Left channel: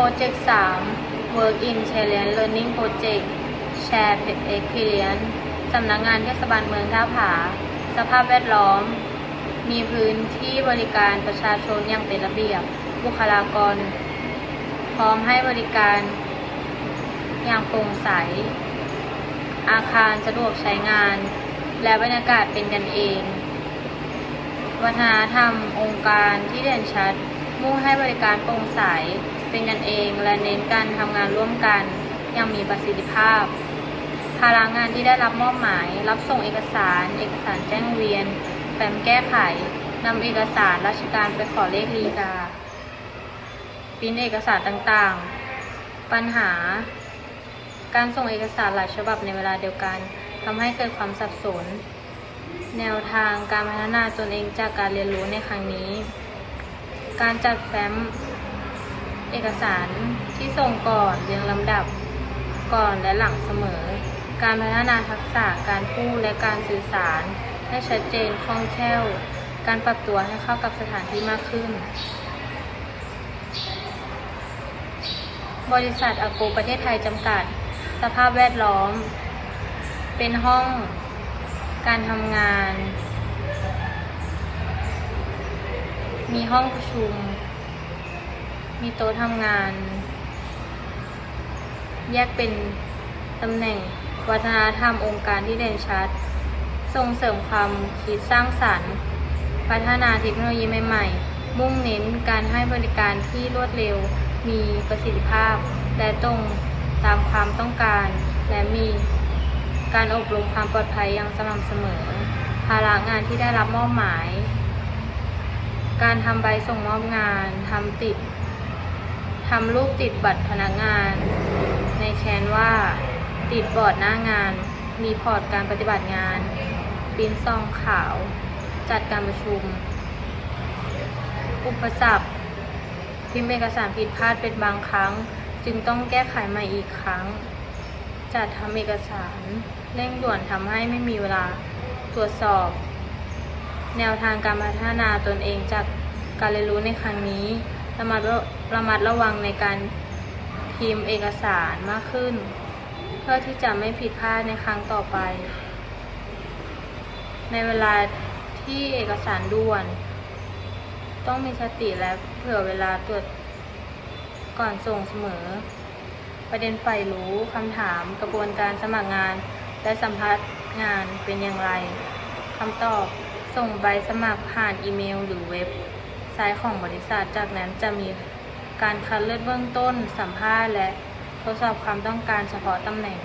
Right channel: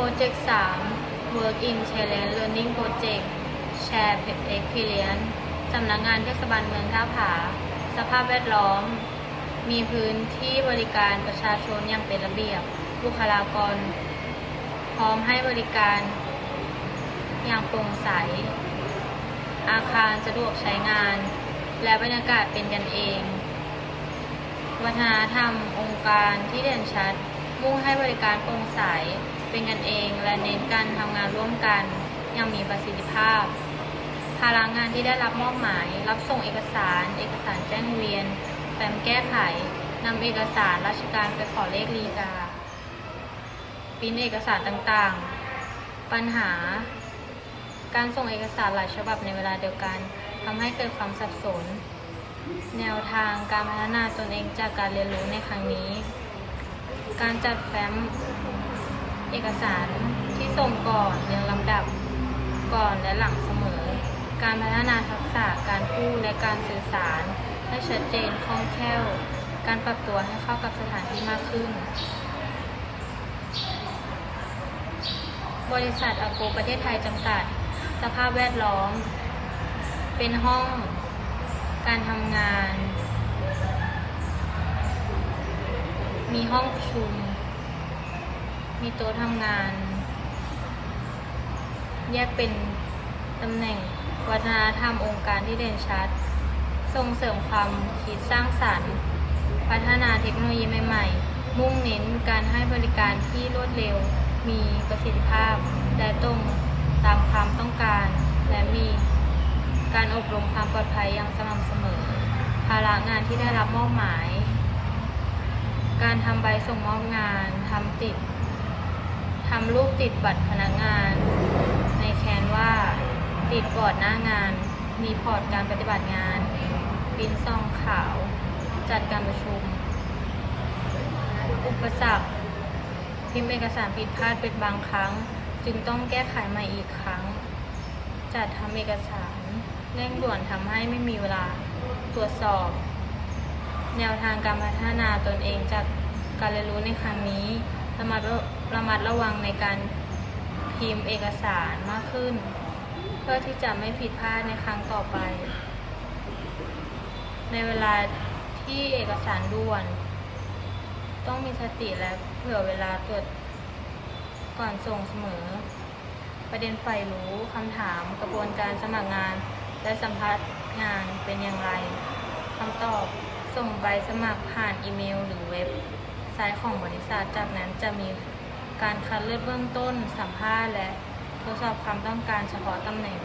Project 3 Work in Challenge Learning Project Share Experience สำนักงานเทศบาลเมืองท่าผา สภาพแวดล้อม มีพื้นที่บริการประชาชนอย่างเป็นระเบียบ บุคลากร พร้อมให้บริการอย่างโปร่งใส อาคารสะดวกใช้งาน และบรรยากาศเป็นกันเอง วัฒนธรรมองค์การที่เด่นชัด มุ่งให้บริการโปร่งใส เป็นกันเองและเน้นการทำงานร่วมกันอย่างมีประสิทธิภาพ ภาระงานที่ได้รับมอบหมาย รับส่งเอกสาร เอกสารแจ้งเวียนแฟ้มแก้ไขนำเอกสารราชการไปขอเลขลีกาปิ้นเอกสารต่างๆ ปัญหา การส่งเอกสารหลายฉบับในเวลาเดียวกันทำให้เกิดความสับสน แนวทางการพัฒนาตนเองจากการเรียนรู้ในครั้งนี้ การจัดแฟ้ม เอกสารที่ส่งก่อนเรียงลำดับก่อนและหลังเสมอ การพัฒนาทักษะการพูดและการสื่อสาร ให้ชัดเจนคล่องแคล่ว การปรับตัวให้เข้ากับสถานที่มากขึ้น บริษัทอโกประเทศไทยจำกัด สภาพแวดล้อม เป็นห้อง การทำงาน มีห้องประชุม มีโต๊ะทำงาน แยกเป็นตำแหน่งวัฒนธรรมองค์การที่เด่นชัด ส่งเสริมความคิดสร้างสรรค์ พัฒนาเทคโนโลยีใหม่ ๆ มุ่งเน้นการให้บริการที่รวดเร็ว มีประสิทธิภาพ และตรงตามความต้องการ และมีการอบรมความปลอดภัยอย่างสม่ำเสมอ ภาระงานที่ได้รับมอบหมาย การทำใบส่งมอบงาน ทำติด ทำรูปติดบัตรพนักงาน ในแคนว่า ติดบอร์ดหน้างาน มีพอร์ตการปฏิบัติงานปิ้นซองขาว จัดการประชุม อุปสรรคพิมพ์เอกสารผิดพลาดเป็นบางครั้ง จึงต้องแก้ไขใหม่อีกครั้ง จัดทำเอกสารเร่งด่วนทำให้ไม่มีเวลาตรวจสอบ แนวทางการพัฒนาตนเองจากการเรียนรู้ในครั้งนี้ ระมัดระมัดระวังในการพิมพ์เอกสารมากขึ้น เพื่อที่จะไม่ผิดพลาดในครั้งต่อไป ในเวลาที่เอกสารด่วน ต้องมีสติและเผื่อเวลาตรวจก่อนส่งเสมอ ประเด็นใฝ่รู้คำถามกระบวนการสมัครงาน และสัมภาษณ์งานเป็นอย่างไรคำตอบส่งใบสมัครผ่านอีเมลหรือเว็บ ซต์ของบริษัท จากนั้นจะมีการคัดเลือกเบื้องต้น สัมภาษณ์ และทดสอบความต้องการเฉพาะตำแหน่ง